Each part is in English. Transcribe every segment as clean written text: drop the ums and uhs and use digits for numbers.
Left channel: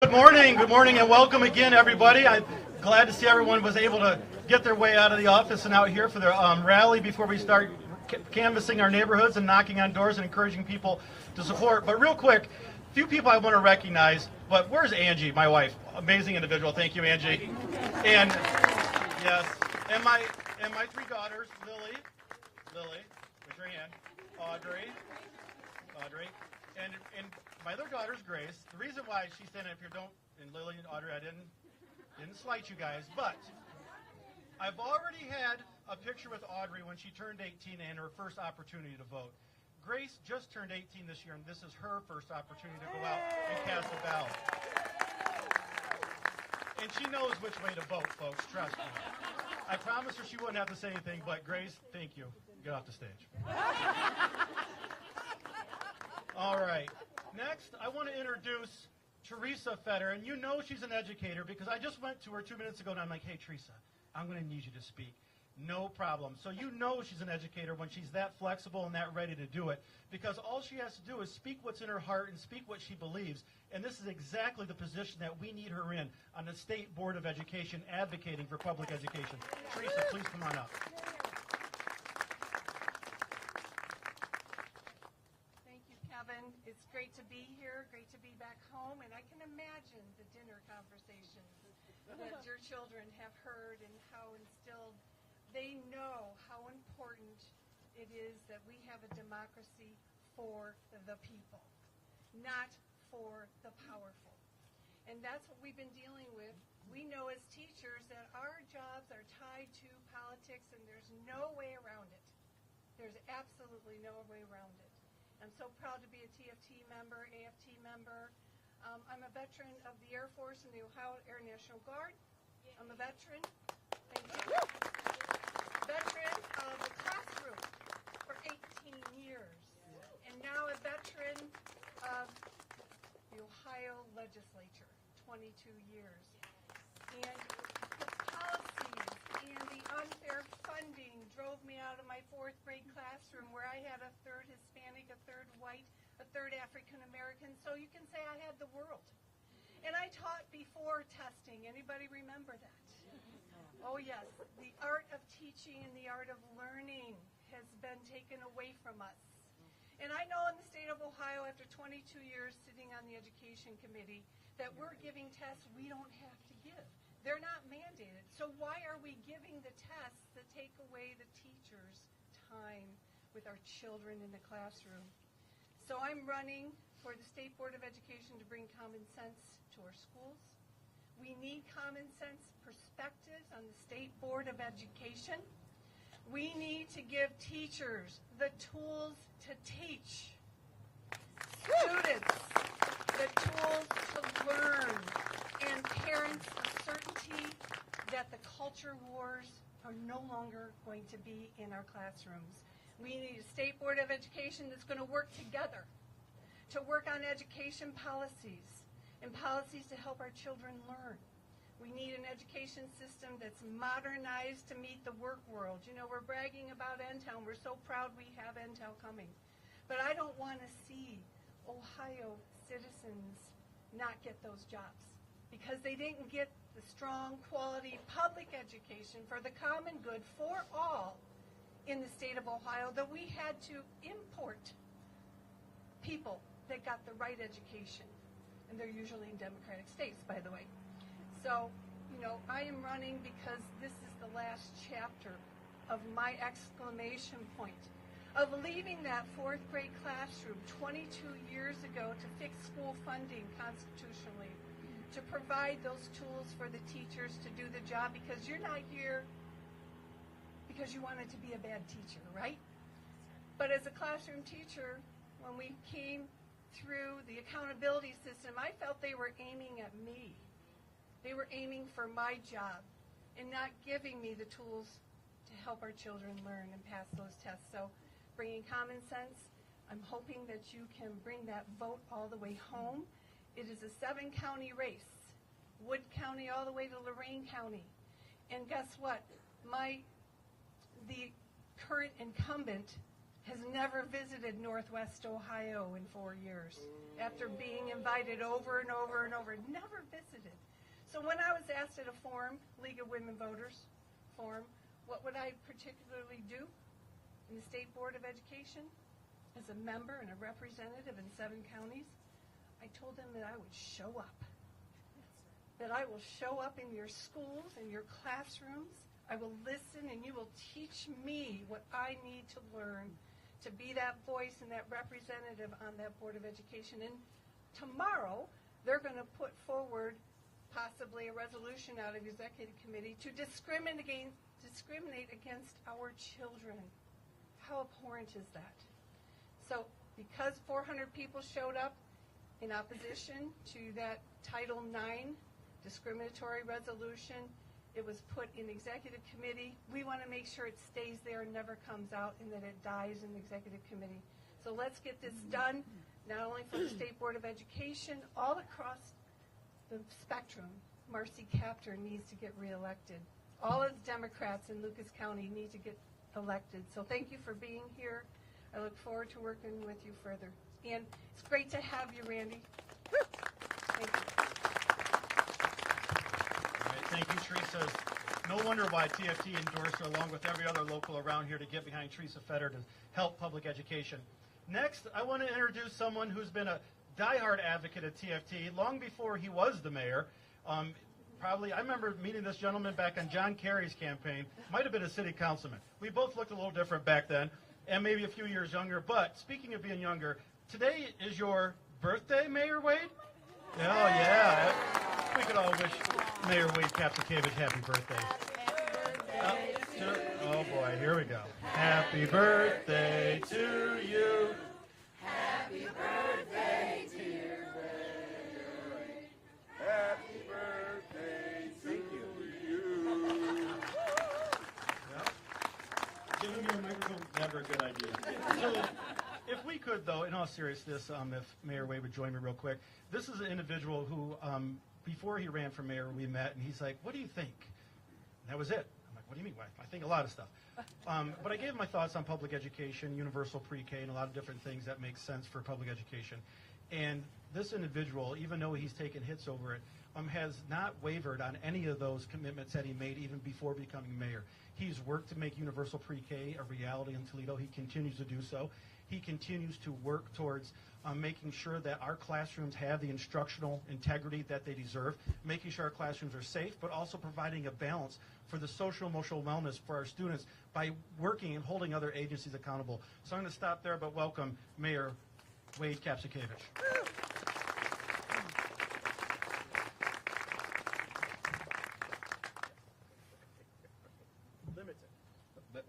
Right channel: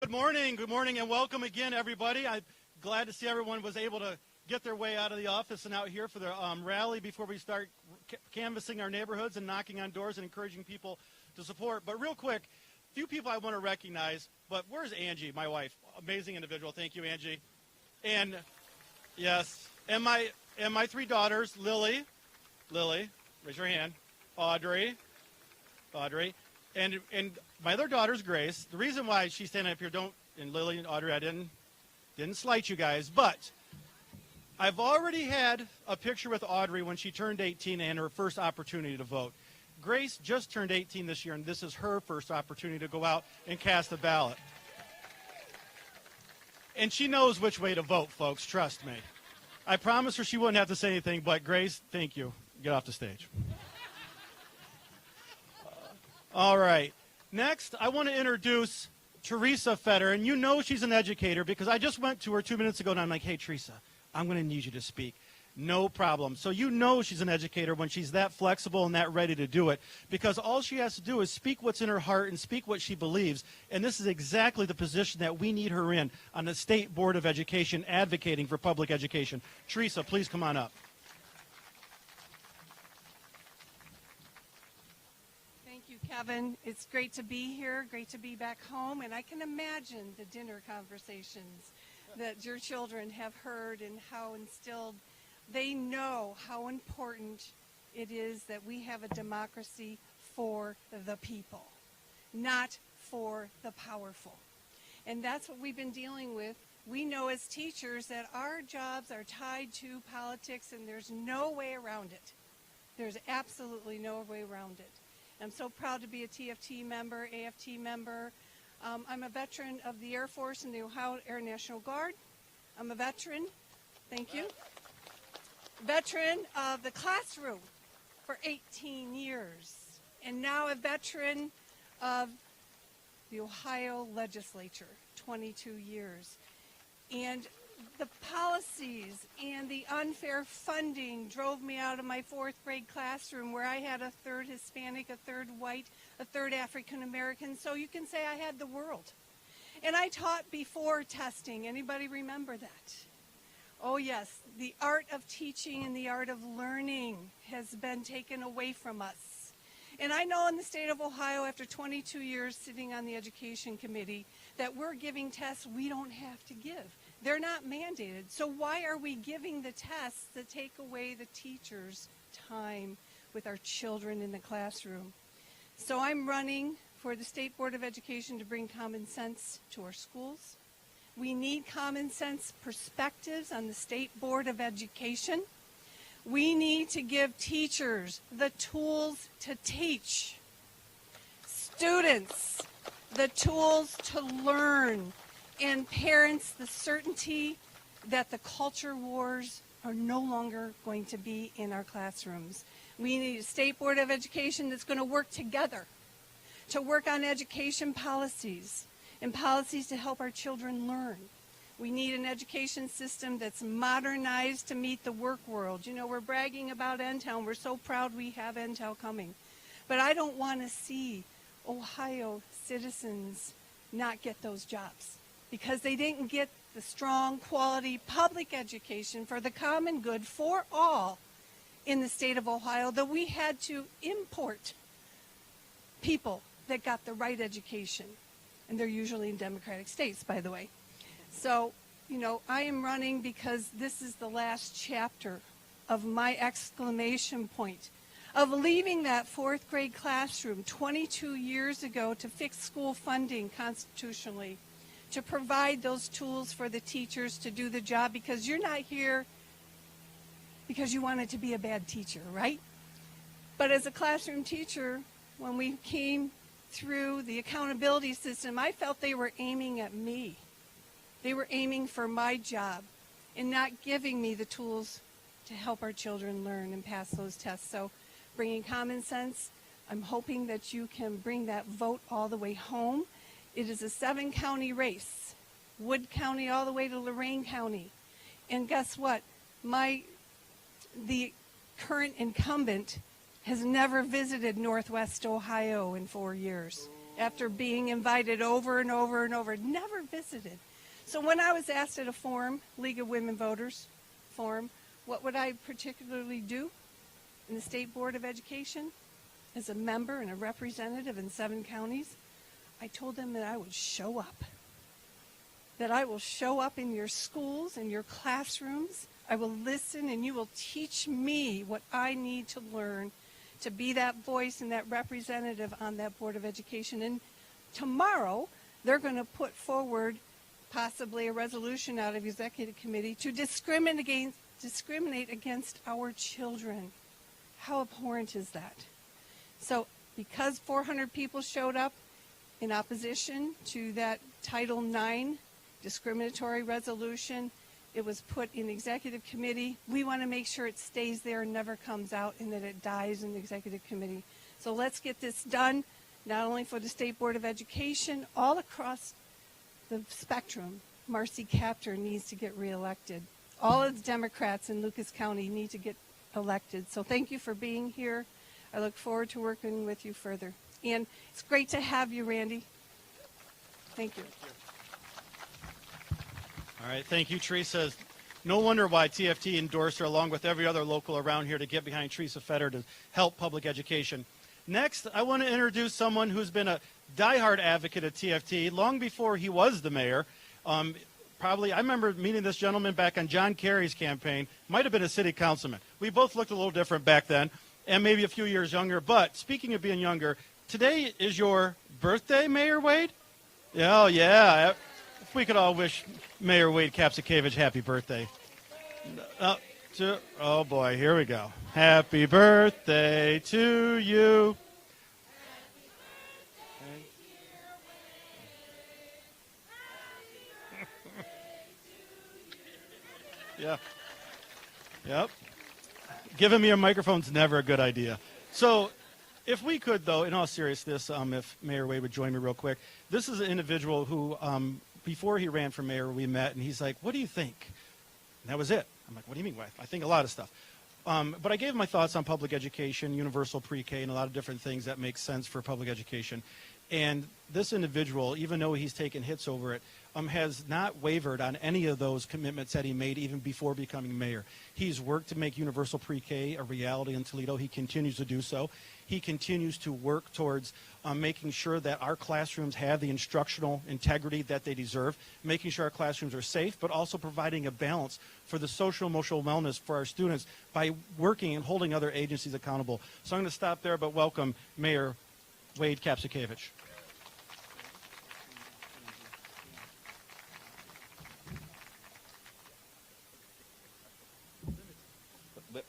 Good morning, and welcome again, everybody. I'm glad to see everyone was able to get their way out of the office and out here for their rally before we start canvassing our neighborhoods and knocking on doors and encouraging people to support. But real quick, a few people I want to recognize, but where's Angie, my wife? Amazing individual. Thank you, Angie. And yes, and my three daughters, Lily, raise your hand, Audrey, and my other daughter's Grace. The reason why she's standing up here, and Lily and Audrey, I didn't slight you guys, but I've already had a picture with Audrey when she turned 18 and her first opportunity to vote. Grace just turned 18 this year, and this is her first opportunity to go out and cast a ballot. And she knows which way to vote, folks, trust me. I promised her she wouldn't have to say anything, but Grace, thank you. Get off the stage. All right. Next, I want to introduce Teresa Fetter, and you know she's an educator because I just went to her 2 minutes ago, and I'm like, hey, Teresa, I'm going to need you to speak. No problem. So you know she's an educator when she's that flexible and that ready to do it, because all she has to do is speak what's in her heart and speak what she believes, and this is exactly the position that we need her in on the State Board of Education advocating for public education. Teresa, please come on up. Kevin, it's great to be here, great to be back home, and I can imagine the dinner conversations that your children have heard and how instilled. They know how important it is that we have a democracy for the people, not for the powerful. And that's what we've been dealing with. We know as teachers that our jobs are tied to politics, and there's no way around it. There's absolutely no way around it. I'm so proud to be a TFT member, AFT member. I'm a veteran of the Air Force and the Ohio Air National Guard. I'm a veteran, thank you. Veteran of the classroom for 18 years. And now a veteran of the Ohio legislature, 22 years. And the policies and the unfair funding drove me out of my fourth grade classroom where I had a third Hispanic, a third white, a third African American. So you can say I had the world. And I taught before testing. Anybody remember that? Oh yes, the art of teaching and the art of learning has been taken away from us. And I know in the state of Ohio, after 22 years sitting on the education committee, that we're giving tests we don't have to give. They're not mandated. So why are we giving the tests that take away the teacher's time with our children in the classroom? So I'm running for the State Board of Education to bring common sense to our schools. We need common sense perspectives on the State Board of Education. We need to give teachers the tools to teach, students the tools to learn, and parents the certainty that the culture wars are no longer going to be in our classrooms. We need a State Board of Education that's going to work together to work on education policies and policies to help our children learn. We need an education system that's modernized to meet the work world. You know, we're bragging about NTEL, and we're so proud we have NTEL coming. But I don't want to see Ohio citizens not get those jobs, because they didn't get the strong quality public education for the common good for all in the state of Ohio, that we had to import people that got the right education. And they're usually in Democratic states, by the way. So, you know, I am running because this is the last chapter of my exclamation point of leaving that fourth grade classroom 22 years ago to fix school funding constitutionally, to provide those tools for the teachers to do the job, because you're not here because you wanted to be a bad teacher, right? But as a classroom teacher, when we came through the accountability system, I felt they were aiming at me. They were aiming for my job and not giving me the tools to help our children learn and pass those tests. So bringing common sense, I'm hoping that you can bring that vote all the way home. It is a 7-county race, Wood County all the way to Lorain County. And guess what? The current incumbent has never visited Northwest Ohio in 4 years. after being invited over and over and over, never visited. So when I was asked at a forum, League of Women Voters forum, what would I particularly do in the State Board of Education as a member and a representative in 7 counties, I told them that I would show up. That I will show up in your schools, in your classrooms. I will listen and you will teach me what I need to learn to be that voice and that representative on that Board of Education. And tomorrow, they're going to put forward possibly a resolution out of Executive Committee to discriminate against our children. How abhorrent is that? So because 400 people showed up in opposition to that Title IX discriminatory resolution, it was put in Executive Committee. We want to make sure it stays there and never comes out and that it dies in the Executive Committee. So let's get this done, not only for the State Board of Education, all across the spectrum. Marcy Kaptur needs to get reelected. All of the Democrats in Lucas County need to get elected. So thank you for being here. I look forward to working with you further. And it's great to have you, Randy. Thank you. All right, thank you, Teresa. No wonder why TFT endorsed her along with every other local around here to get behind Teresa Fetter to help public education. Next, I want to introduce someone who's been a diehard advocate of TFT long before he was the mayor. I remember meeting this gentleman back on John Kerry's campaign. Might have been a city councilman. We both looked a little different back then, and maybe a few years younger. But speaking of being younger, today is your birthday, Mayor Wade? Oh, yeah. We could all wish Mayor Wade Kapszukiewicz happy birthday. Oh, boy, here we go. Happy birthday to you. Happy birthday, dear Wade. Happy birthday to you. Yep. Yep. Giving me a microphone's never a good idea. So if we could, though, in all seriousness, if Mayor Wade would join me real quick. This is an individual who, before he ran for mayor, we met, and he's like, what do you think? And that was it. I'm like, what do you mean? I think a lot of stuff. But I gave him my thoughts on public education, universal pre-K, and a lot of different things that make sense for public education. And this individual, even though he's taken hits over it, has not wavered on any of those commitments that he made even before becoming mayor. He's worked to make universal pre-K a reality in Toledo. He continues to do so. He continues to work towards making sure that our classrooms have the instructional integrity that they deserve, making sure our classrooms are safe, but also providing a balance for the social emotional wellness for our students by working and holding other agencies accountable. So I'm going to stop there, but welcome Mayor Wade Kapszukiewicz.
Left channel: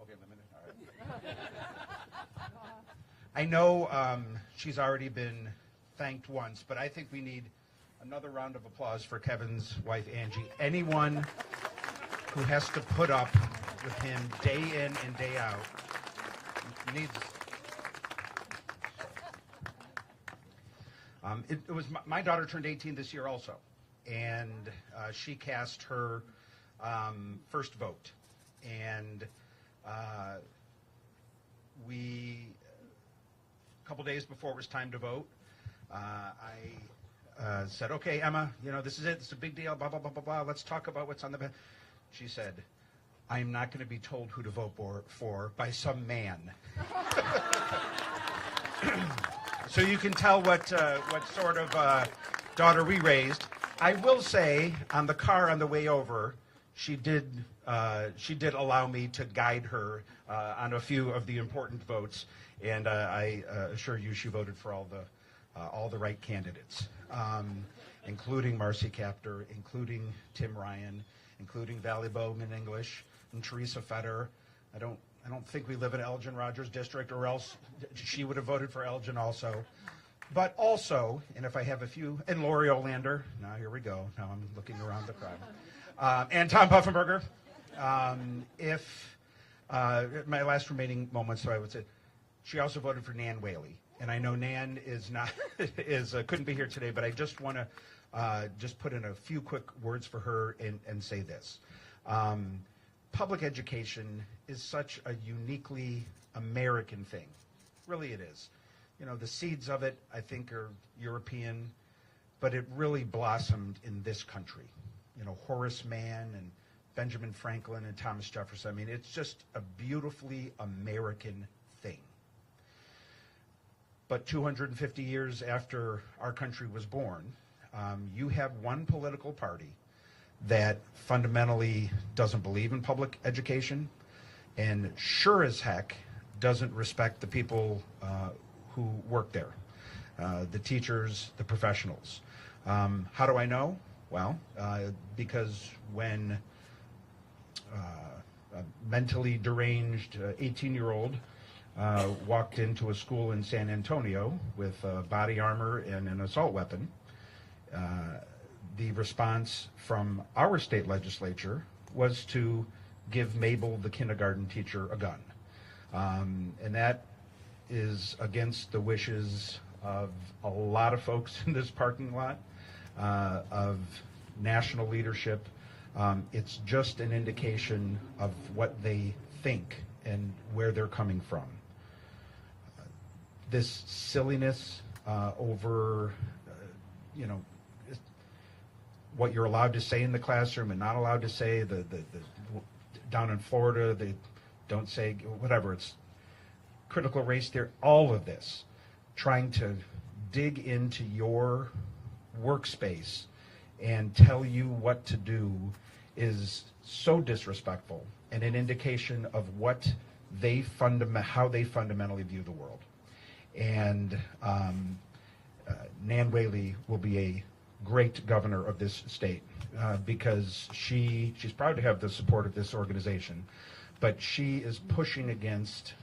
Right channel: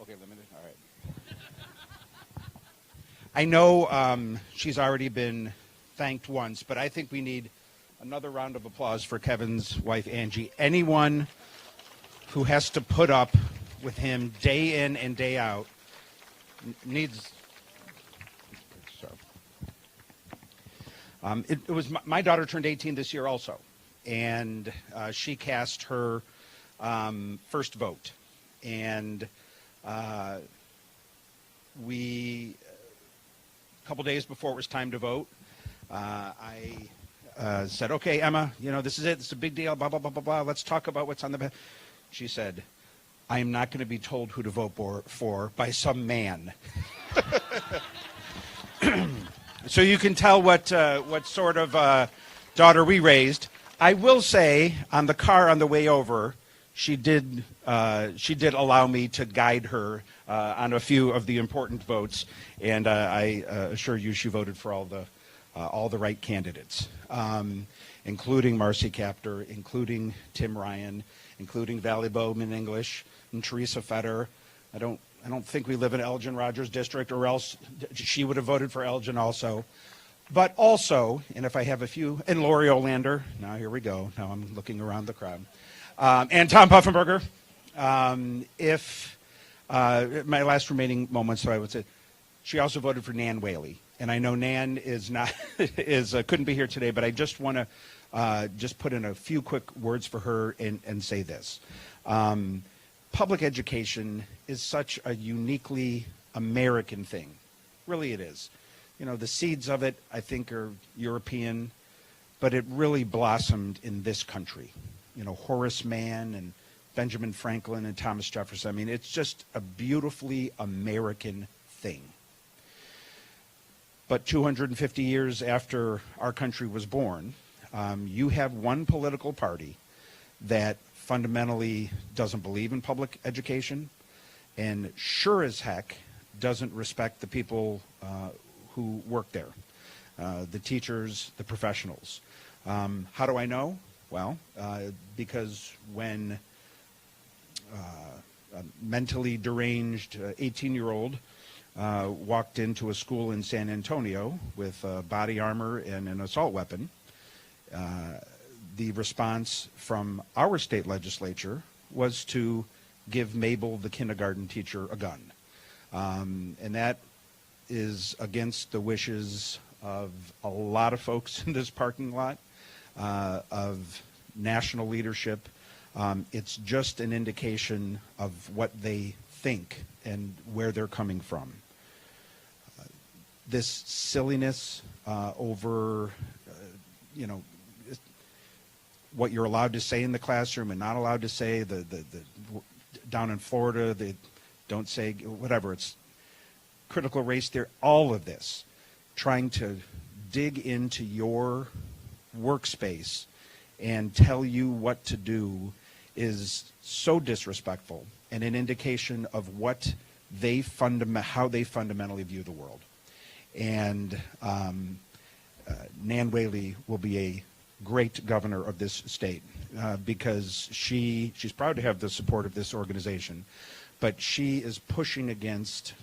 Okay, limited. All right. I know she's already been thanked once, but I think we need another round of applause for Kevin's wife, Angie. Anyone who has to put up with him day in and day out needs... It was my daughter turned 18 this year also, and she cast her first vote. And we, a couple days before it was time to vote, I said, okay, Emma, you know, this is it. This is a big deal, blah, blah, blah, blah, blah. Let's talk about what's on the ballot. She said, I am not going to be told who to vote for by some man. So you can tell what sort of daughter we raised. I will say, on the car on the way over, she did allow me to guide her on a few of the important votes, and I assure you she voted for all the right candidates, including Marcy Kaptur, including Tim Ryan, including Valley Bowman English, and Teresa Fetter. I don't think we live in Elgin Rogers District, or else she would have voted for Elgin also. But also, and if I have a few, and Lori Olander. Now here we go. Now I'm looking around the crowd. And Tom Puffenberger. My last remaining moments, so I would say, she also voted for Nan Whaley. And I know Nan is not couldn't be here today, but I just want to just put in a few quick words for her and say this. Public education is such a uniquely American thing. Really it is. you know, the seeds of it, I think, are European, but it really blossomed in this country. You know, Horace Mann and Benjamin Franklin and Thomas Jefferson. I mean, it's just a beautifully American thing. But 250 years after our country was born, you have one political party that fundamentally doesn't believe in public education and sure as heck doesn't respect the people who work there, the teachers, the professionals. How do I know? Well, because when a mentally deranged 18-year-old walked into a school in San Antonio with body armor and an assault weapon, the response from our state legislature was to give Mabel, the kindergarten teacher, a gun. And that is against the wishes of a lot of folks in this parking lot, of national leadership. It's just an indication of what they think and where they're coming from. This silliness over, you know, what you're allowed to say in the classroom and not allowed to say, down in Florida, they don't say, whatever, it's critical race theory, all of this, trying to dig into your workspace and tell you what to do is so disrespectful and an indication of what they how they fundamentally view the world. And Nan Whaley will be a great governor of this state because she's proud to have the support of this organization, but she is pushing against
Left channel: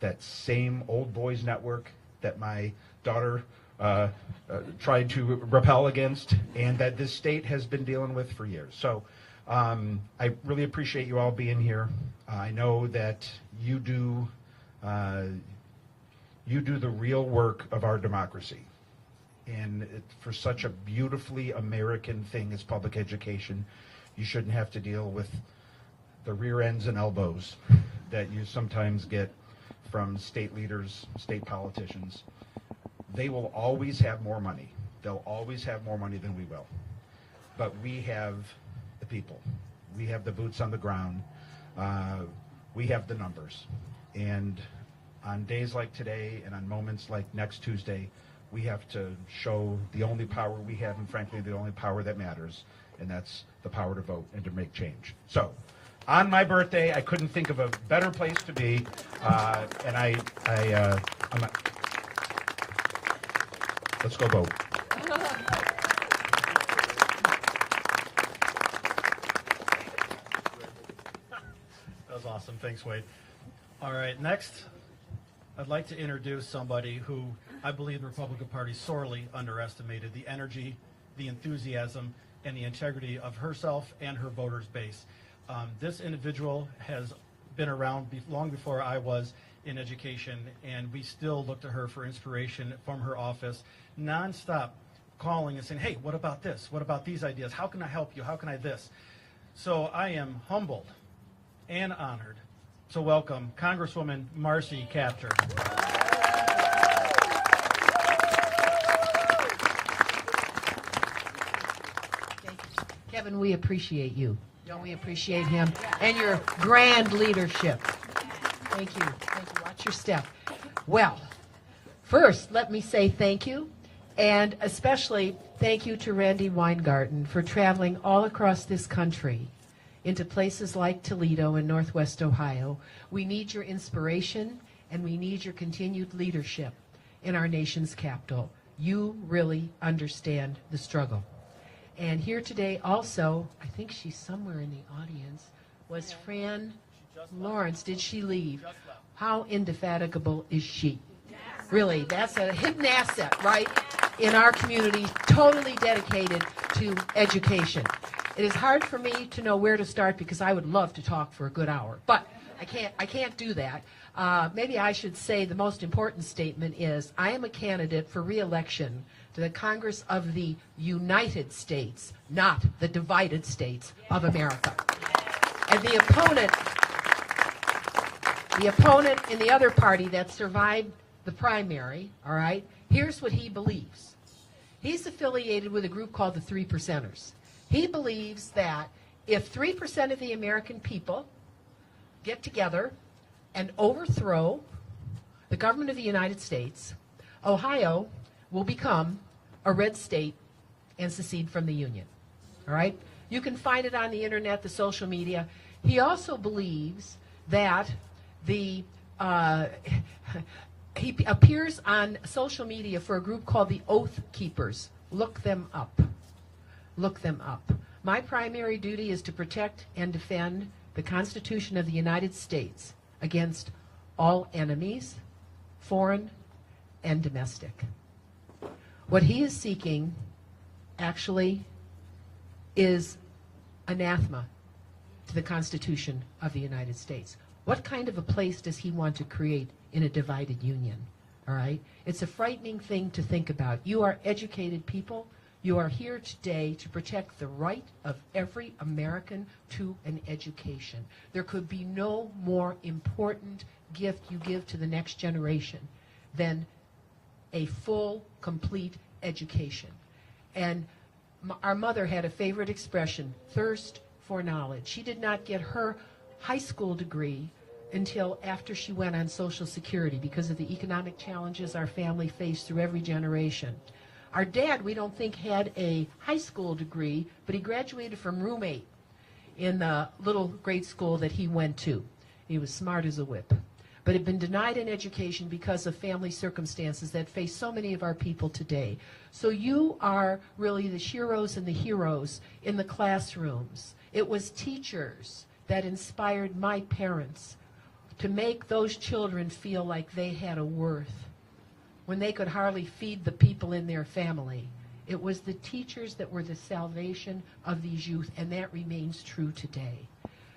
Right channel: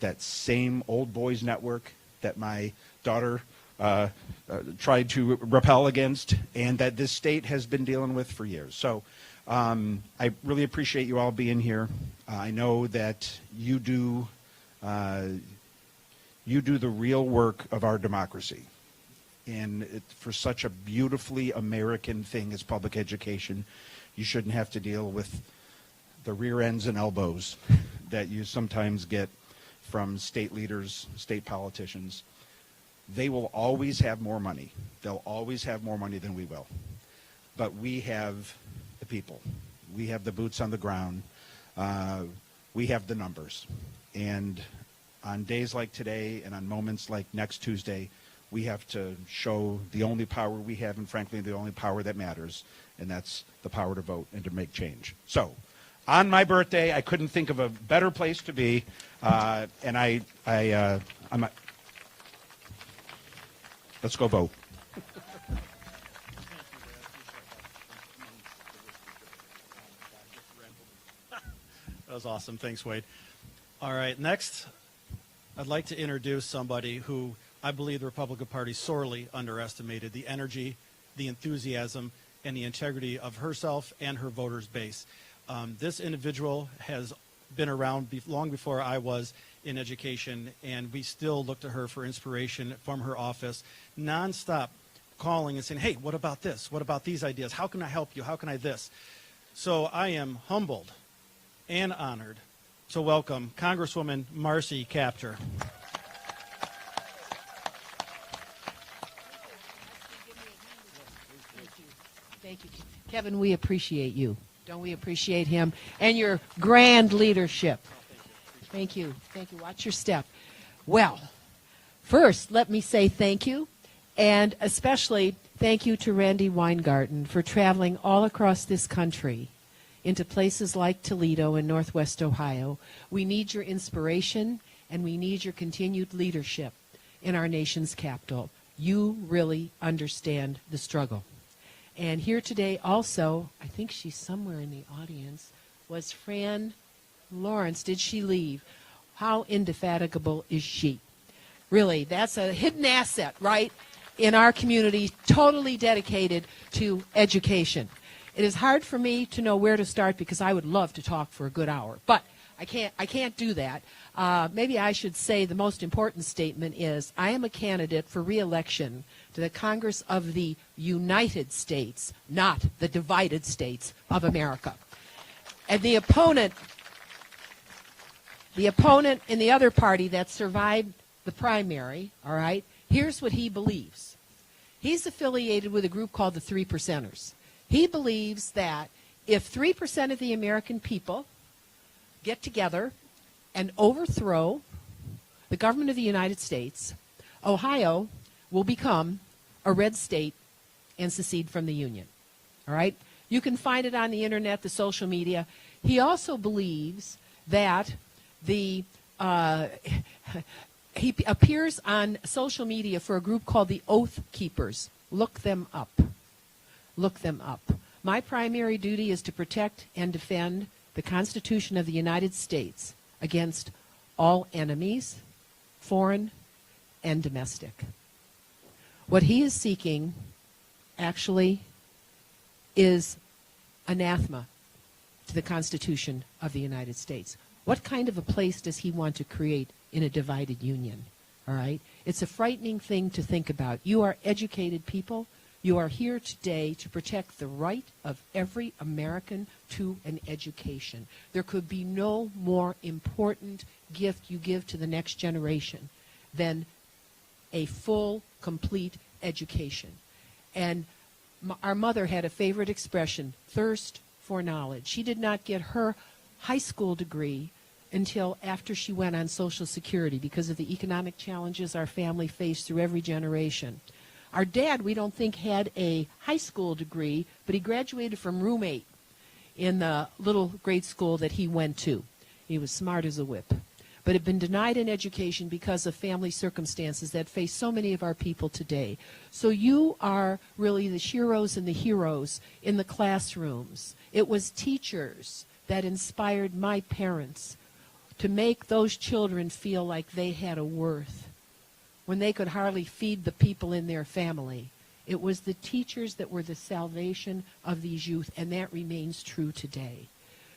that same old boys network that my daughter tried to repel against and that this state has been dealing with for years. So I really appreciate you all being here. I know that you do the real work of our democracy. And for such a beautifully American thing as public education, you shouldn't have to deal with the rear ends and elbows that you sometimes get from state leaders, state politicians. They will always have more money. They'll always have more money than we will. But we have the people. We have the boots on the ground. We have the numbers. And on days like today and on moments like next Tuesday, we have to show the only power we have, and frankly, the only power that matters, and that's the power to vote and to make change. So, on my birthday, I couldn't think of a better place to be, and let's go vote. That was awesome. Thanks, Wade. All right, next, I'd like to introduce somebody who I believe the Republican Party sorely underestimated the energy, the enthusiasm, and the integrity of herself and her voters' base. This individual has been around long before I was in education, and we still look to her for inspiration from her office, nonstop calling and saying, hey, what about this? What about these ideas? How can I help you? How can I this? So I am humbled and honored to welcome Congresswoman Marcy Kaptur. Kevin, we appreciate you. Don't we appreciate him and your grand leadership? Thank you. Thank you. Watch your step. Well, first, let me say thank you, and especially thank you to Randi Weingartne for traveling all across this country into places like Toledo and Northwest Ohio. We need your inspiration, and we need your continued leadership in our nation's capital. You really understand the struggle. And here today also, I think she's somewhere in the audience, was Fran Lawrence. Did she leave? How indefatigable is she? Really, that's a hidden asset, right, in our community, totally dedicated to education. It is hard for me to know where to start because I would love to talk for a good hour, but I can't do that. Maybe I should say the most important statement is I am a candidate for re-election to the Congress of the United States, not the divided states of America. And the opponent in the other party that survived the primary, all right, here's what he believes. He's affiliated with a group called the 3 Percenters. He believes that if 3% of the American people get together and overthrow the government of the United States, Ohio will become a red state and secede from the Union. All right? You can find it on the internet, the social media. He also believes that he appears on social media for a group called the Oath Keepers. Look them up. Look them up. My primary duty is to protect and defend the Constitution of the United States against all enemies, foreign and domestic. What he is seeking actually is anathema to the Constitution of the United States. What kind of a place does he want to create in a divided union? All right? It's a frightening thing to think about. You are educated people. You are here today to protect the right of every American to an education. There could be no more important gift you give to the next generation than a full, complete education. And our mother had a favorite expression, thirst for knowledge. She did not get her high school degree until after she went on Social Security because of the economic challenges our family faced through every generation. Our dad, we don't think, had a high school degree, but he graduated from room 8 in the little grade school that he went to. He was smart as a whip, but had been denied an education because of family circumstances that face so many of our people today. So you are really the sheroes and the heroes in the classrooms. It was teachers that inspired my parents to make those children feel like they had a worth when they could hardly feed the people in their family. It was the teachers that were the salvation of these youth, and that remains true today.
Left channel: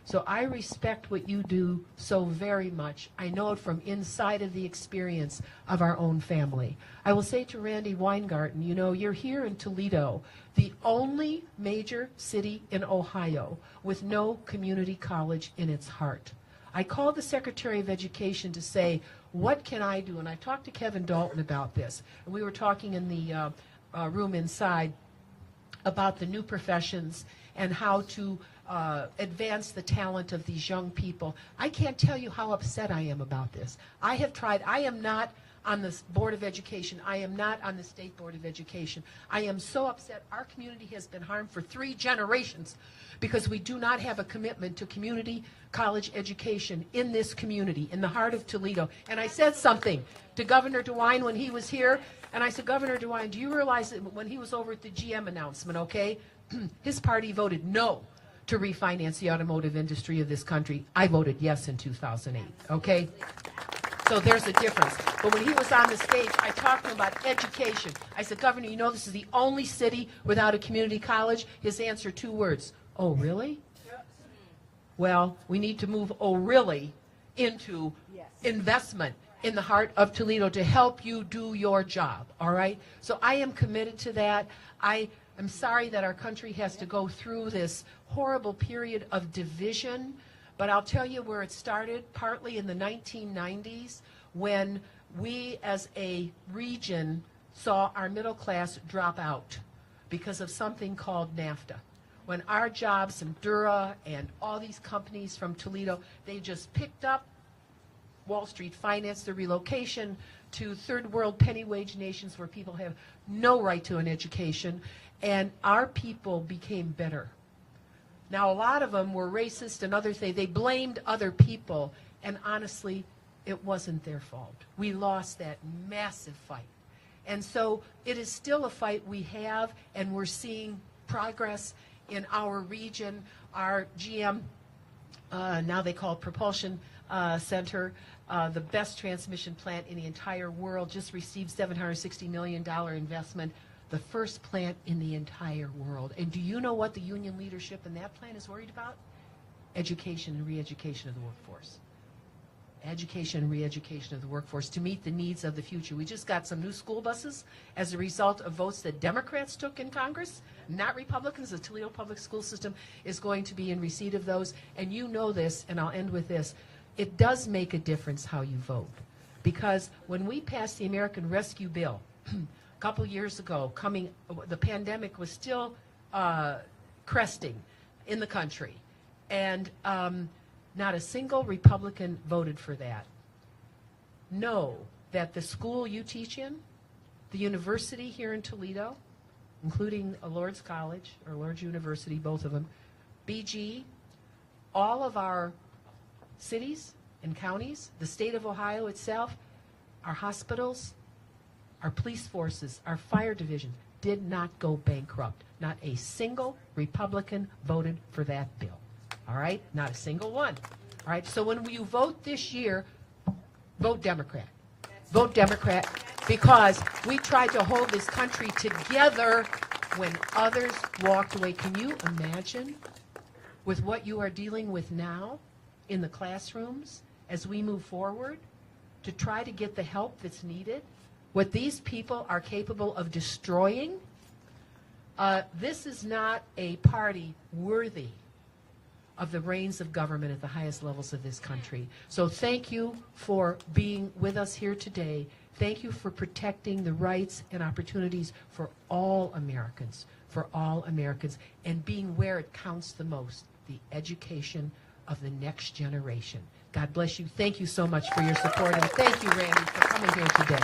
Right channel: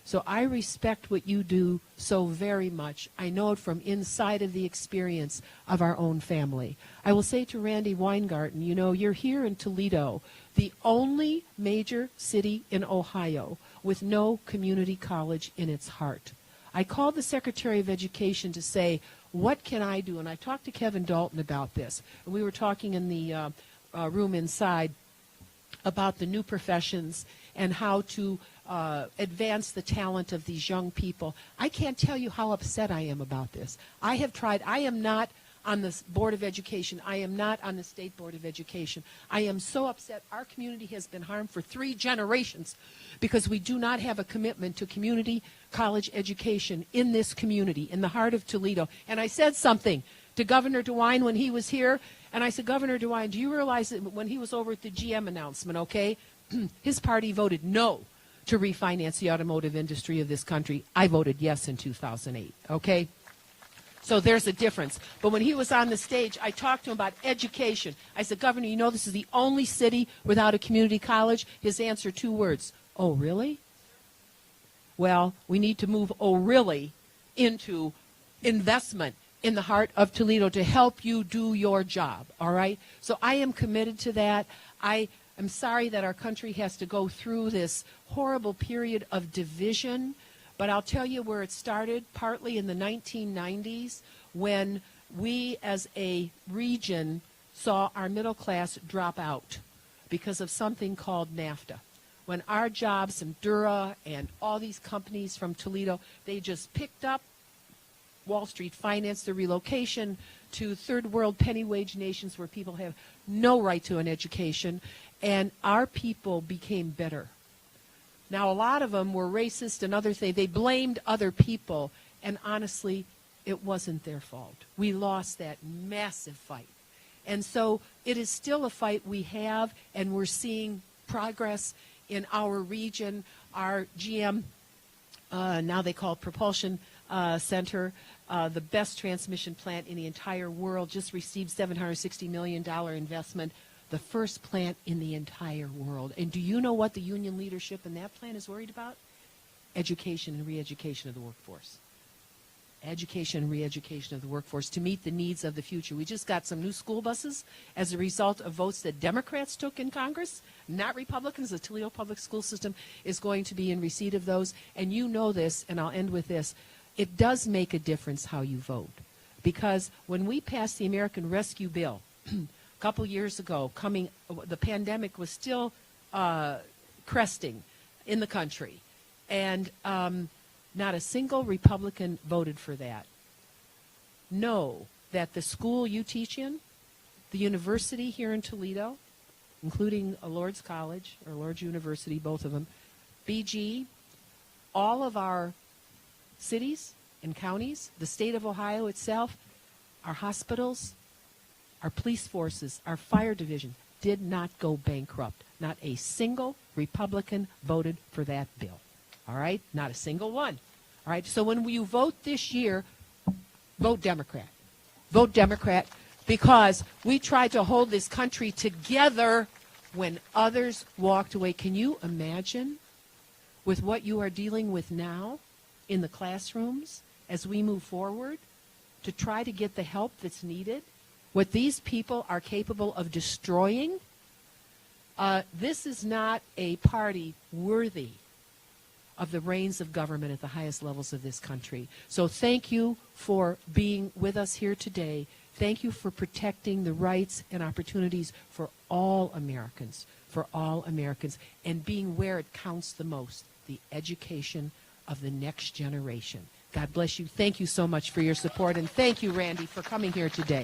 So I respect what you do so very much. I know it from inside of the experience of our own family. I will say to Randi Weingartne, you know, you're here in Toledo, the only major city in Ohio with no community college in its heart. I called the Secretary of Education to say, what can I do? And I talked to Kevin Dalton about this. And we were talking in the room inside about the new professions and how to advance the talent of these young people. I can't tell you how upset I am about this. I have tried. I am not on the Board of Education. I am not on the State Board of Education. I am so upset. Our community has been harmed for 3 generations because we do not have a commitment to community college education in this community, in the heart of Toledo. And I said something to Governor DeWine when he was here, and I said, Governor DeWine, do you realize that when he was over at the GM announcement, okay, his party voted no to refinance the automotive industry of this country. I voted yes in 2008, okay? So there's a difference. But when he was on the stage, I talked to him about education. I said, Governor, you know this is the only city without a community college? His answer, 2 words, oh, really? Well, we need to move oh, really into investment in the heart of Toledo to help you do your job, all right? So I am committed to that. I'm sorry that our country has to go through this horrible period of division, but I'll tell you where it started, partly in the 1990s, when we as a region saw our middle class drop out because of something called NAFTA. When our jobs and Dura and all these companies from Toledo, they just picked up, Wall Street financed the relocation to third world penny wage nations where people have no right to an education, and our people became better. Now, a lot of them were racist and other things. They blamed other people, and honestly, it wasn't their fault. We lost that massive fight. And so it is still a fight we have, and we're seeing progress in our region. Our GM, now they call it Propulsion Center, the best transmission plant in the entire world, just received $760 million investment, the first plant in the entire world. And do you know what the union leadership in that plant is worried about? Education and re-education of the workforce. Education and re-education of the workforce to meet the needs of the future. We just got some new school buses as a result of votes that Democrats took in Congress, not Republicans. The Toledo public school system is going to be in receipt of those. And you know this, and I'll end with this. It does make a difference how you vote. because when we passed the American Rescue Bill a couple years ago, the pandemic was still cresting in the country, and not a single Republican voted for that. Know that the school you teach in, the university here in Toledo, including Lourdes College or Lourdes University, both of them, BG, all of our cities and counties, the state of Ohio itself, our hospitals, our police forces, our fire division did not go bankrupt. Not a single Republican voted for that bill. All right? Not a single one. All right? So when you vote this year, vote Democrat. Vote Democrat, because we tried to hold this country together when others walked away. Can you imagine with what you are dealing with now in the classrooms as we move forward to try to get the help that's needed? What these people are capable of destroying? This is not a party worthy of the reins of government at the highest levels of this country. So thank you for being with us here today. Thank you for protecting the rights and opportunities for all Americans, and being where it counts the most, the education of the next generation. God bless you. Thank you so much for your support, and thank you, Randy, for coming here today.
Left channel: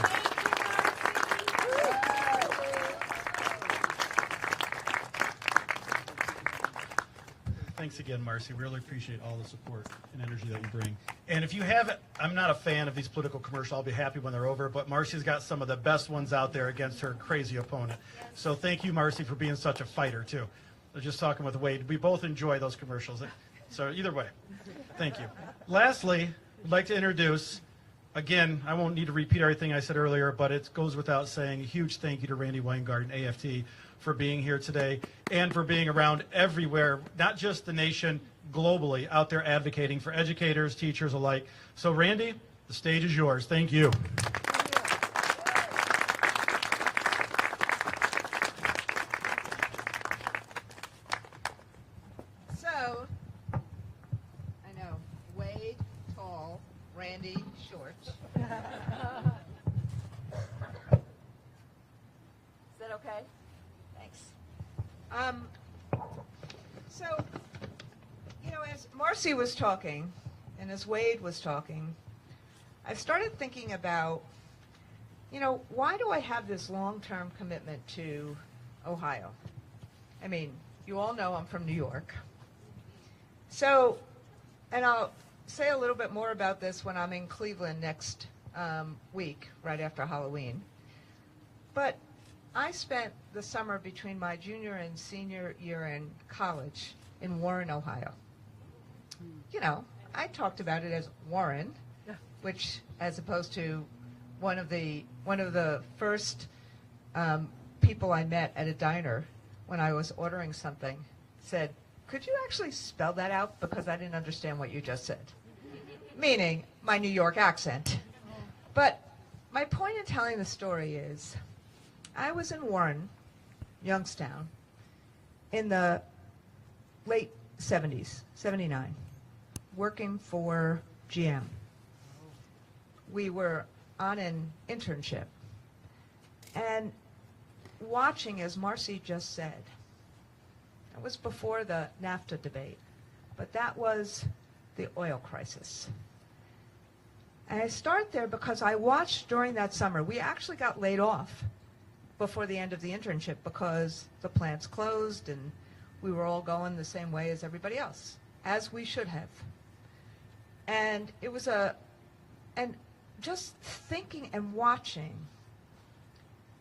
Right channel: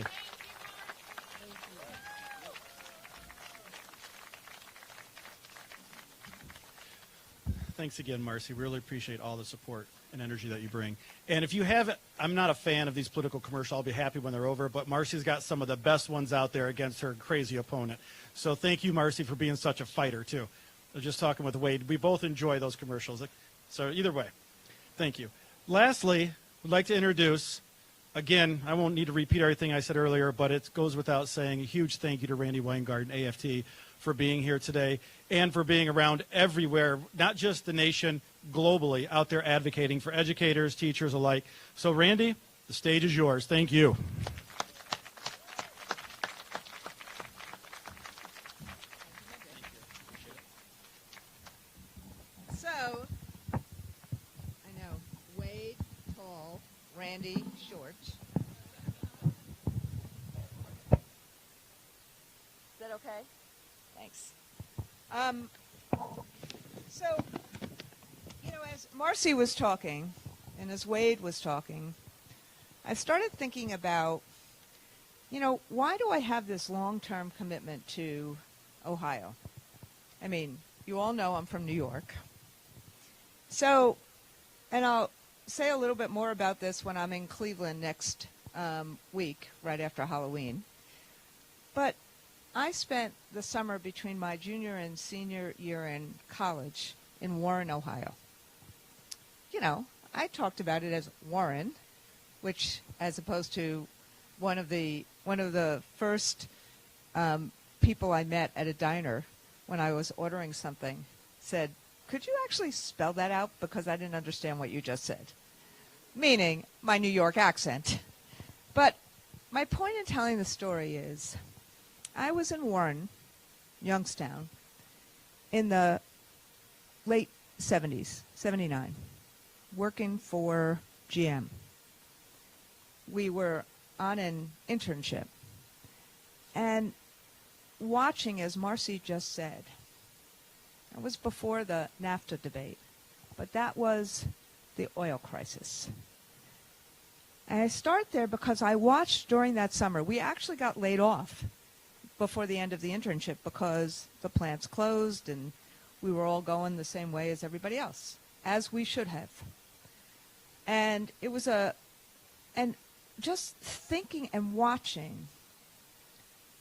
Thanks again, Marcy. Really appreciate all the support and energy that you bring. And if you haven't, I'm not a fan of these political commercials. I'll be happy when they're over, but Marcy's got some of the best ones out there against her crazy opponent. So thank you, Marcy, for being such a fighter, too. I was just talking with Wade. We both enjoy those commercials. So either way, thank you. Lastly, I'd like to introduce, again, I won't need to repeat everything I said earlier, but it goes without saying, a huge thank you to Randi Weingartne, AFT, for being here today and for being around everywhere, not just the nation, globally, out there advocating for educators, teachers alike. So, Randi, the stage is yours. Thank you. So, I know, Wade, tall, Randi, short. Is that okay? Thanks. So, you know, as Marcy was talking, and as Wade was talking, I started thinking about, you know, why do I have this long-term commitment to Ohio? I mean, you all know I'm from New York. So, and I'll say a little bit more about this when I'm in Cleveland next week, right after Halloween. But I spent the summer between my junior and senior year in college in Warren, Ohio. You know, I talked about it as Warren, which, as opposed to one of the first people I met at a diner when I was ordering something, said, "Could you actually spell that out, because I didn't understand what you just said?" Meaning my New York accent. But my point in telling the story is, I was in Warren, Youngstown, in the late 70s, 79, working for GM. We were on an internship and watching, as Marcy just said, it was before the NAFTA debate, but that was the oil crisis. And I start there because I watched during that summer, we actually got laid off before the end of the internship because the plants closed and we were all going the same way as everybody else, as we should have. And it was and just thinking and watching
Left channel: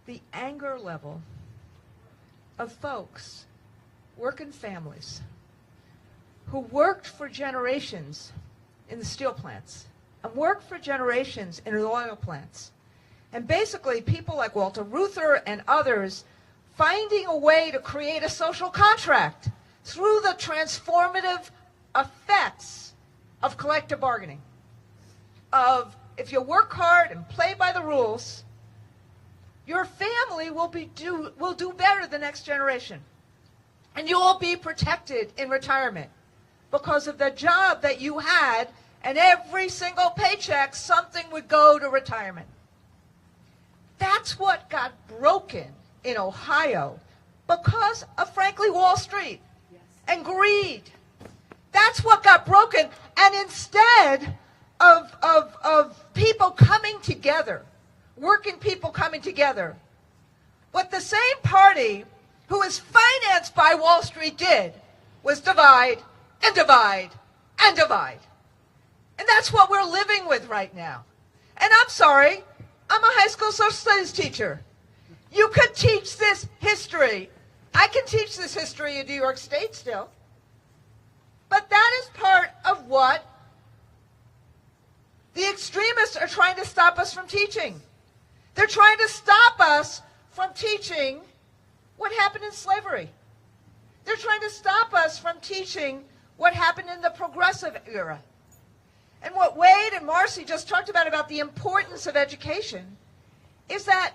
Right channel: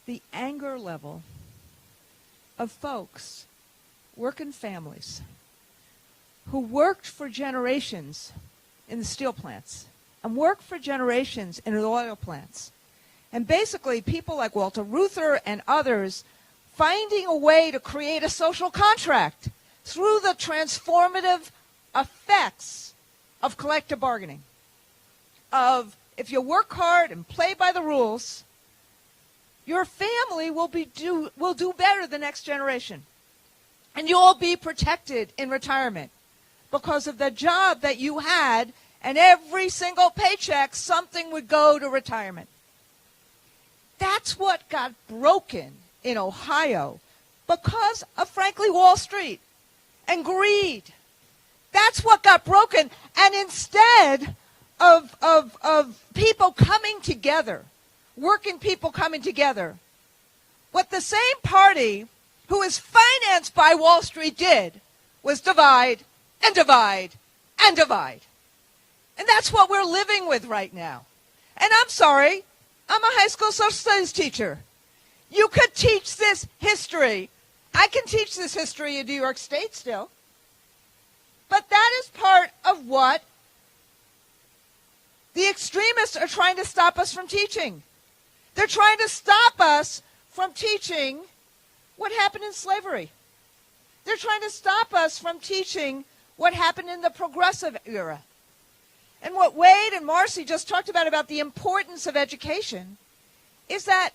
the anger level of folks, working families, who worked for generations in the steel plants and worked for generations in the oil plants. And basically people like Walter Reuther and others finding a way to create a social contract through the transformative effects of collective bargaining, of if you work hard and play by the rules, your family will do better the next generation. And you'll be protected in retirement because of the job that you had and every single paycheck, something would go to retirement. That's what got broken in Ohio because of, frankly, Wall Street and greed. That's what got broken. And instead of people coming together, working people coming together, what the same party who is financed by Wall Street did was divide and divide and divide. And that's what we're living with right now. And I'm sorry, I'm a high school social studies teacher. You could teach this history. I can teach this history in New York State still. But that is part of what the extremists are trying to stop us from teaching. They're trying to stop us from teaching what happened in slavery. They're trying to stop us from teaching what happened in the progressive era. And what Wade and Marcy just talked about the importance of education, is that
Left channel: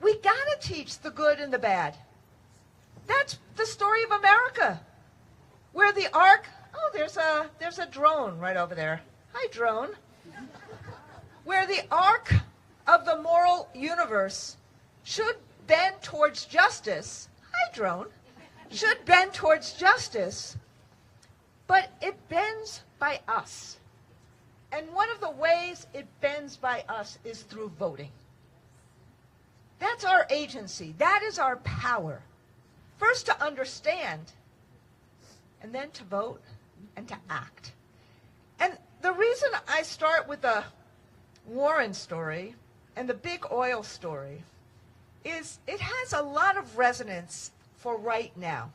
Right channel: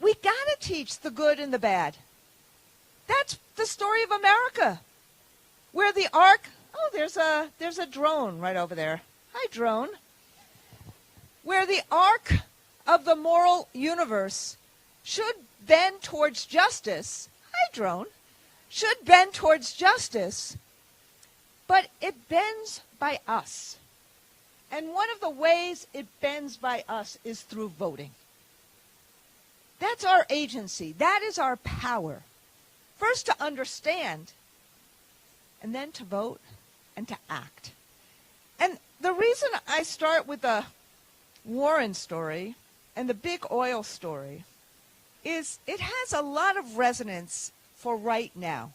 we got to teach the good and the bad. That's the story of America, where the arc, oh, there's a drone right over there. Hi, drone. Where the arc of the moral universe should bend towards justice. Hi, drone. Should bend towards justice, but it bends by us. And one of the ways it bends by us is through voting. That's our agency. That is our power. First to understand, and then to vote and to act. And the reason I start with the Warren story and the big oil story is it has a lot of resonance for right now.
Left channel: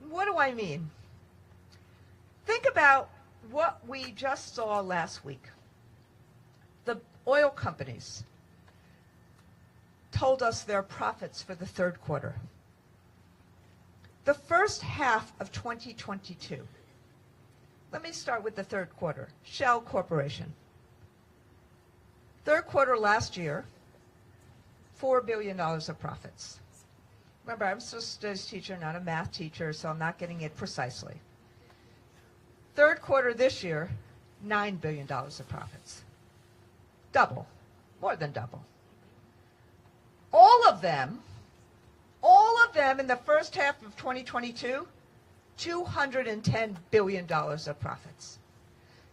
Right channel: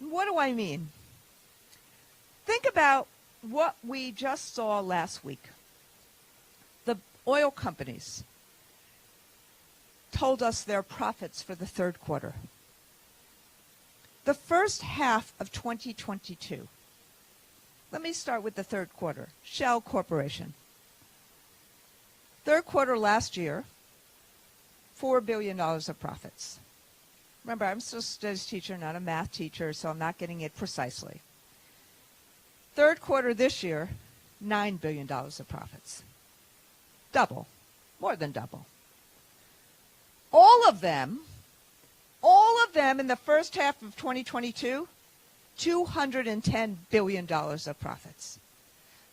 What do I mean? Think about what we just saw last week. The oil companies told us their profits for the third quarter. The first half of 2022. Let me start with the third quarter. Shell Corporation. Third quarter last year, $4 billion of profits. Remember, I'm a social studies teacher, not a math teacher, so I'm not getting it precisely. Third quarter this year, $9 billion of profits. Double, more than double. All of them in the first half of 2022, $210 billion of profits.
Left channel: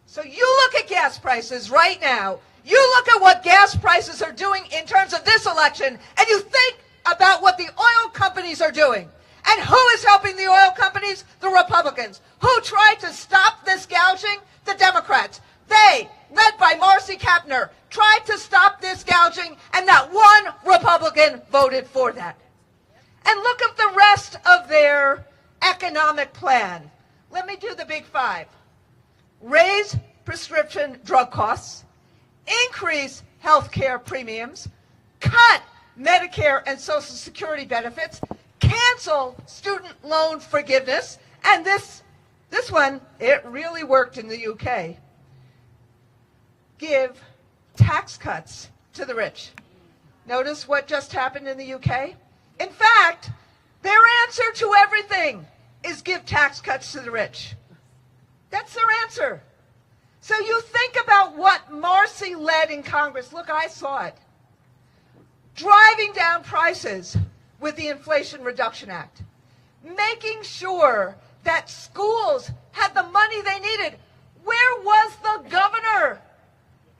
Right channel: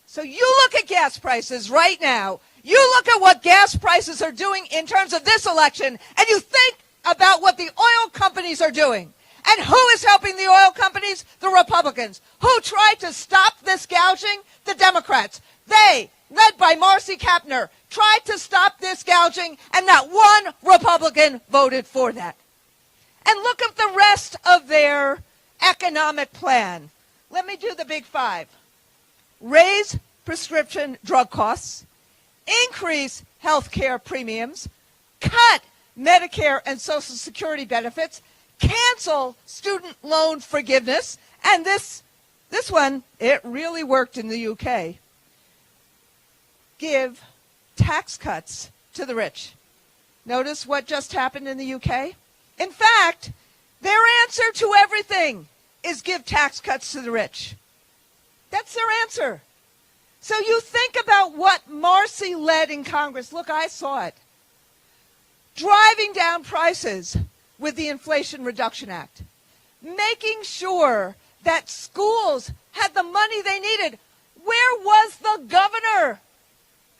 So you look at gas prices right now, you look at what gas prices are doing in terms of this election, and you think about what the oil companies are doing. And who is helping the oil companies? The Republicans. Who tried to stop this gouging? The Democrats. They, led by Marcy Kaptur, tried to stop this gouging, and not one Republican voted for that. And look at the rest of their economic plan. Let me do the big five. Raise prescription drug costs, increase health care premiums, cut Medicare and Social Security benefits, cancel student loan forgiveness, and this one, it really worked in the UK. Give tax cuts to the rich. Notice what just happened in the UK? In fact, their answer to everything is give tax cuts to the rich. That's their answer. So you think about what Marcy led in Congress. Look, I saw it. Driving down prices with the Inflation Reduction Act. Making sure that schools had the money they needed. Where was the governor?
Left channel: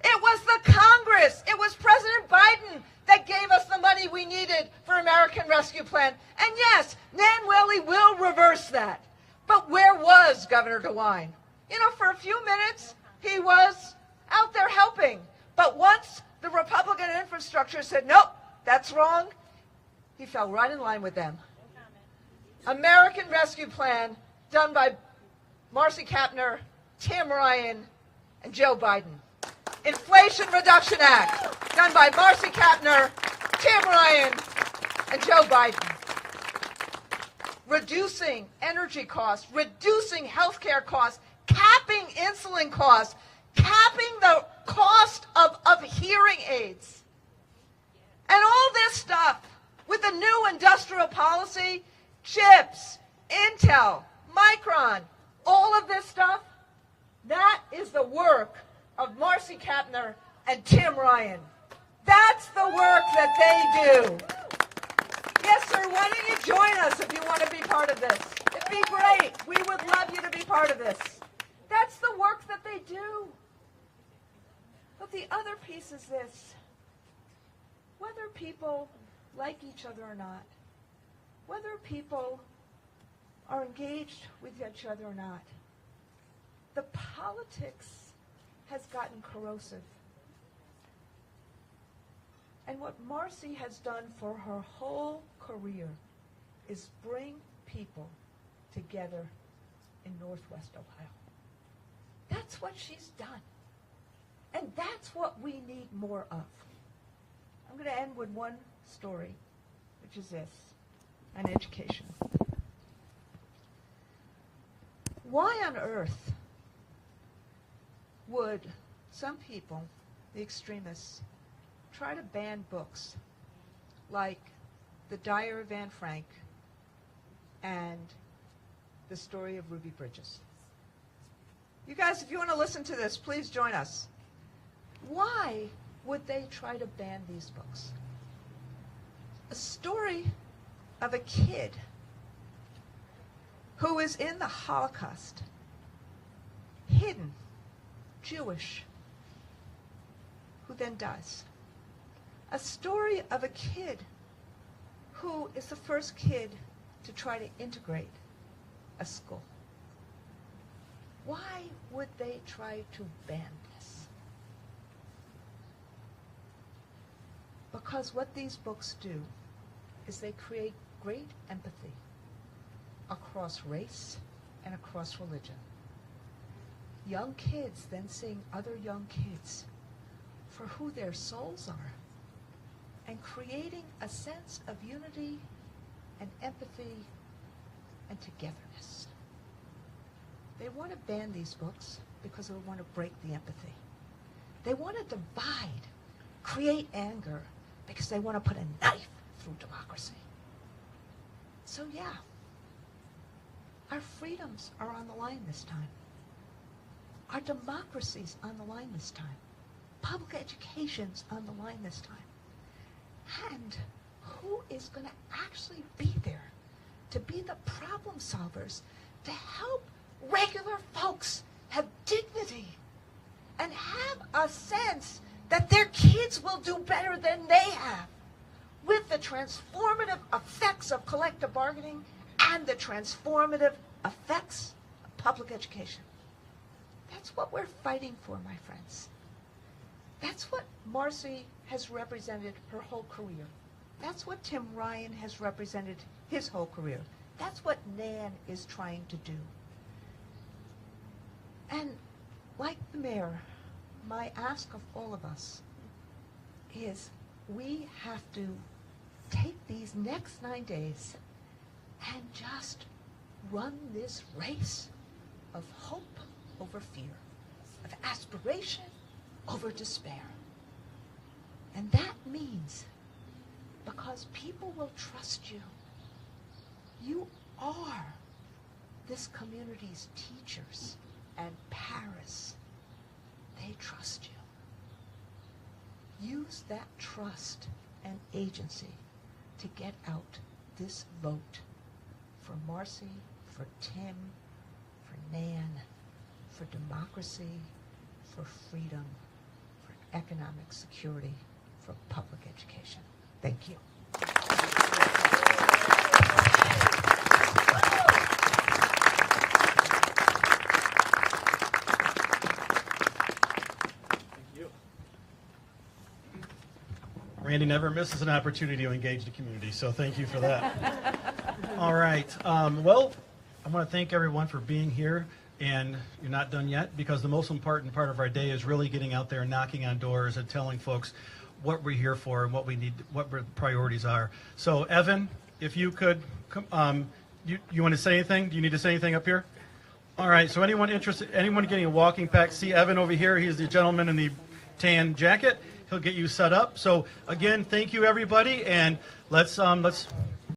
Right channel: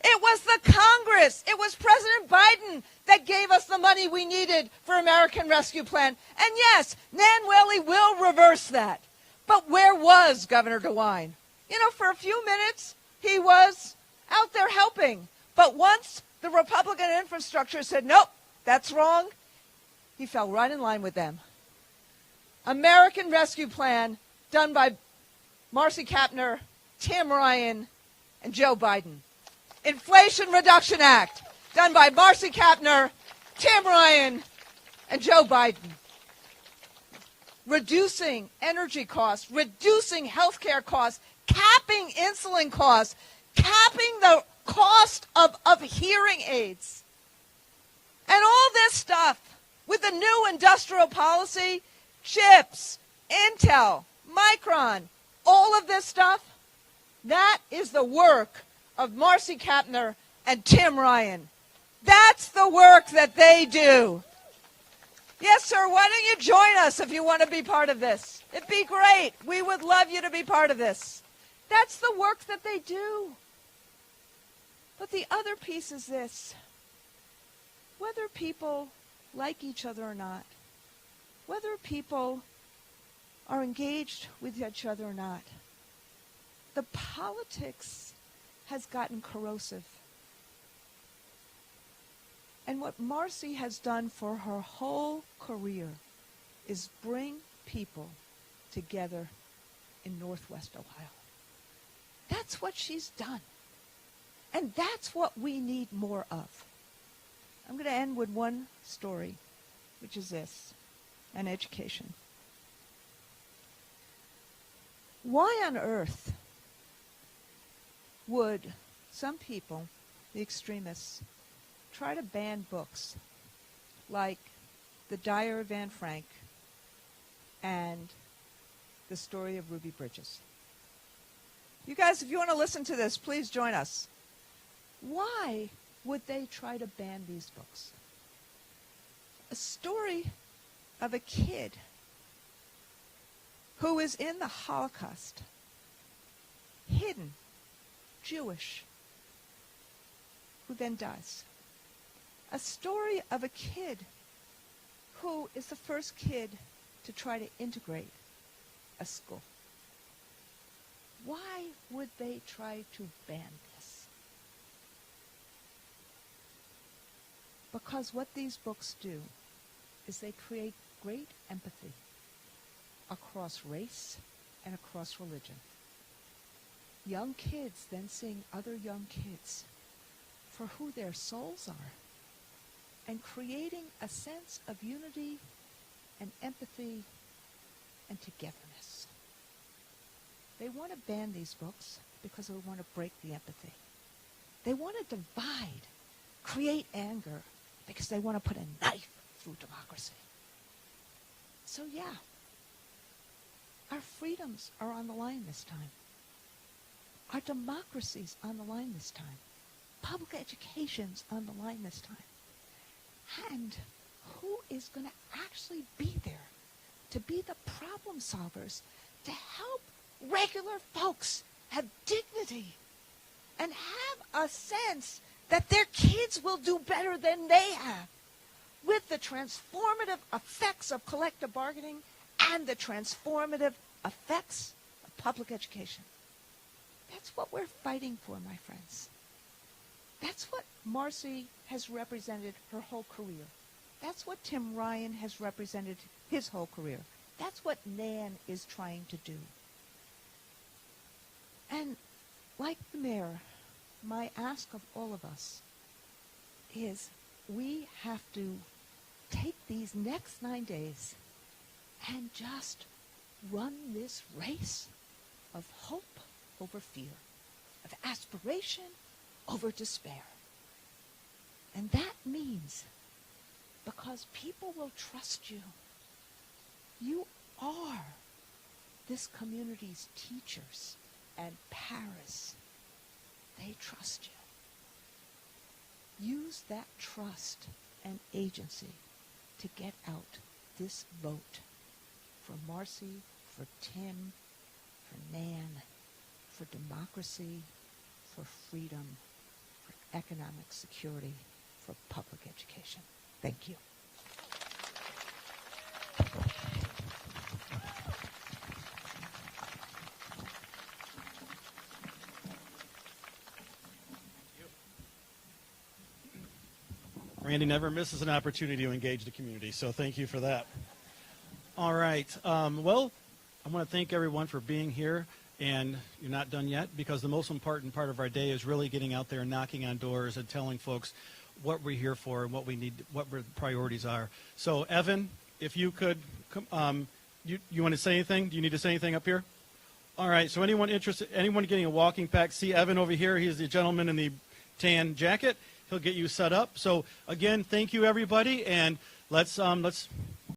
It was the Congress. It was President Biden that gave us the money we needed for American Rescue Plan. And yes, Nan Whaley will reverse that. But where was Governor DeWine? You know, for a few minutes, he was out there helping. But once the Republican infrastructure said, nope, that's wrong, he fell right in line with them. American Rescue Plan done by Marcy Kaptur, Tim Ryan, and Joe Biden. Inflation Reduction Act done by Marcy Kaptur, Tim Ryan, and Joe Biden. Reducing energy costs, reducing health care costs, capping insulin costs, capping the cost of hearing aids. And all this stuff with the new industrial policy, chips, Intel, Micron, all of this stuff, That is the work of Marcy Kaptur and Tim Ryan. That's the work that they do. Yes, sir, why don't you join us if you want to be part of this? It'd be great. We would love you to be part of this. That's the work that they do. But the other piece is this. Whether people like each other or not, whether people are engaged with each other or not, the politics has gotten corrosive. And what Marcy has done for her whole career is bring people together in Northwest Ohio. That's what she's done. And that's what we need more of. I'm going to end with one story, which is this, and education. Why on earth would some people, the extremists, try to ban books like The Diary of Anne Frank and The Story of Ruby Bridges? You guys, if you want to listen to this, please join us. Why would they try to ban these books? A story of a kid who is in the Holocaust, hidden, Jewish, who then dies. A story of a kid who is the first kid to try to integrate a school. Why would they try to ban this? Because what these books do is they create great empathy across race and across religion. Young kids then seeing other young kids for who their souls are and creating a sense of unity and empathy and togetherness. They want to ban these books because they want to break the empathy. They want to divide, create anger, because they want to put a knife through democracy. So yeah, our freedoms are on the line this time. Our democracy's on the line this time. Public education's on the line this time. And who is going to actually be there to be the problem solvers, to help regular folks have dignity and have a sense that their kids will do better than they have with the transformative effects of collective bargaining and the transformative effects of public education? That's what we're fighting for, my friends. That's what Marcy has represented her whole career. That's what Tim Ryan has represented his whole career. That's what Nan is trying to do. And like the mayor, my ask of all of us is we have to take these next 9 days and just run this race of hope over fear, of aspiration over despair. And that means, because people will trust you, you are this community's teachers and parents. They trust you. Use that trust and agency to get out this vote for Marcy, for Tim, for Nan, for democracy, for freedom, for economic security, for public education. Thank you. Randy never misses an opportunity to engage the community, so thank you for that. All right. Well, I want to thank everyone for being here, and you're not done yet, because the most important part of our day is really getting out there and knocking on doors and telling folks what we're here for and what we need, what our priorities are. So, Evan, if you could, you want to say anything? Do you need to say anything up here? All right. So, anyone interested, anyone getting a walking pack, see Evan over here. He's the gentleman in the tan jacket. He'll get you set up. So, again, thank you, everybody, and let's